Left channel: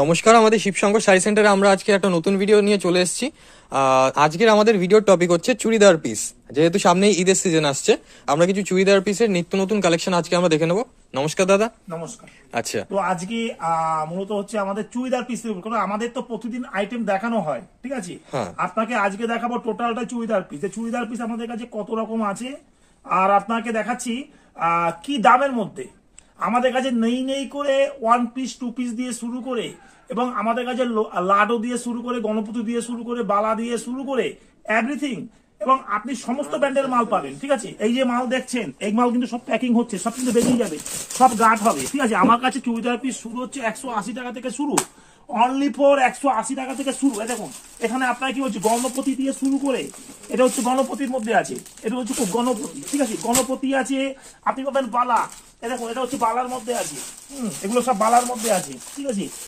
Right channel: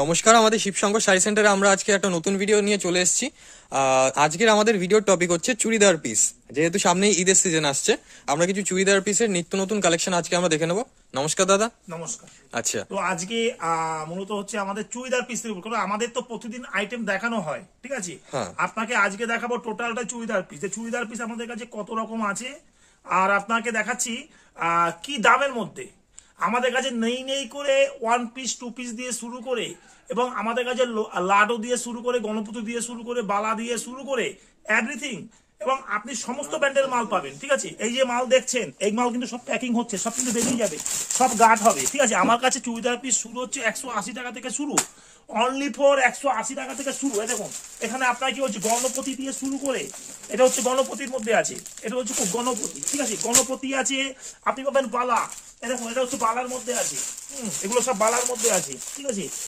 নমস্কার, আমাদের শিবশঙ্কর শাড়ি সেন্টারে আমরা আজকে একটা নতুন ভিডিও নিয়ে চলে এসেছি। আজকের আমাদের ভিডিওর টপিক হচ্ছে চুড়িদার পিস। যেহেতু সামনেই ঈদের সিজন আসছে, আমরা কিছু চুড়িদার পিসের নিত্য নতুন কালেকশন আজকে আমরা দেখে নেবো। নমস্কার দাদা। নমস্কার। আচ্ছা, তো আজকে মূলত হচ্ছে আমাদের চুড়িদার পিস, কারণ আমাদের তো প্রতিদিন আইটেম দেখানো হয়, ঠিক আছে। আপনাকে আজকে দেখাবো টোটালটা চুড়িদার পিস। চুড়িদার পিস আমাদের কাছে কত রকম আছে আর আপনাকে দেখাচ্ছি কি দামের মধ্যে। আমাদের কাছে নেই করে 1 পিস 2 পিস দিয়ে শুরু করে, এবং আমাদের কাছে লাডো দিয়ে শুরু করে, গণপতি দিয়ে শুরু করে, বালা দিয়ে শুরু করে এভরিথিং, এবং আপনি সমস্ত ব্র্যান্ডের মাল পাবেন, ঠিক আছে। এই যে মাল দেখছেন, এই মাল কিন্তু সব প্যাকিং হচ্ছে, সব কিন্তু বেরিয়ে যাবে, সব গার্ড হবে, ঠিক আছে। আমার কাছে চুড়িদার পিস শুরু হচ্ছে 180 টাকা থেকে শুরু, অনলি ফর 180 টাকা থেকে শুরু। দেখুন এখানে আপনার কি হচ্ছে, গণপতি দিয়ে শুরু করে, এটা হচ্ছে গণপতির মধ্যে আছে, এটা হচ্ছে খুব গণপতি, ঠিক আছে। গণপতি আছে, আপনি পাবেন বালা, দেখুন এটা হচ্ছে বালার মধ্যে আছে, এগুলো সব বালার মধ্যে আছে, ঠিক আছে।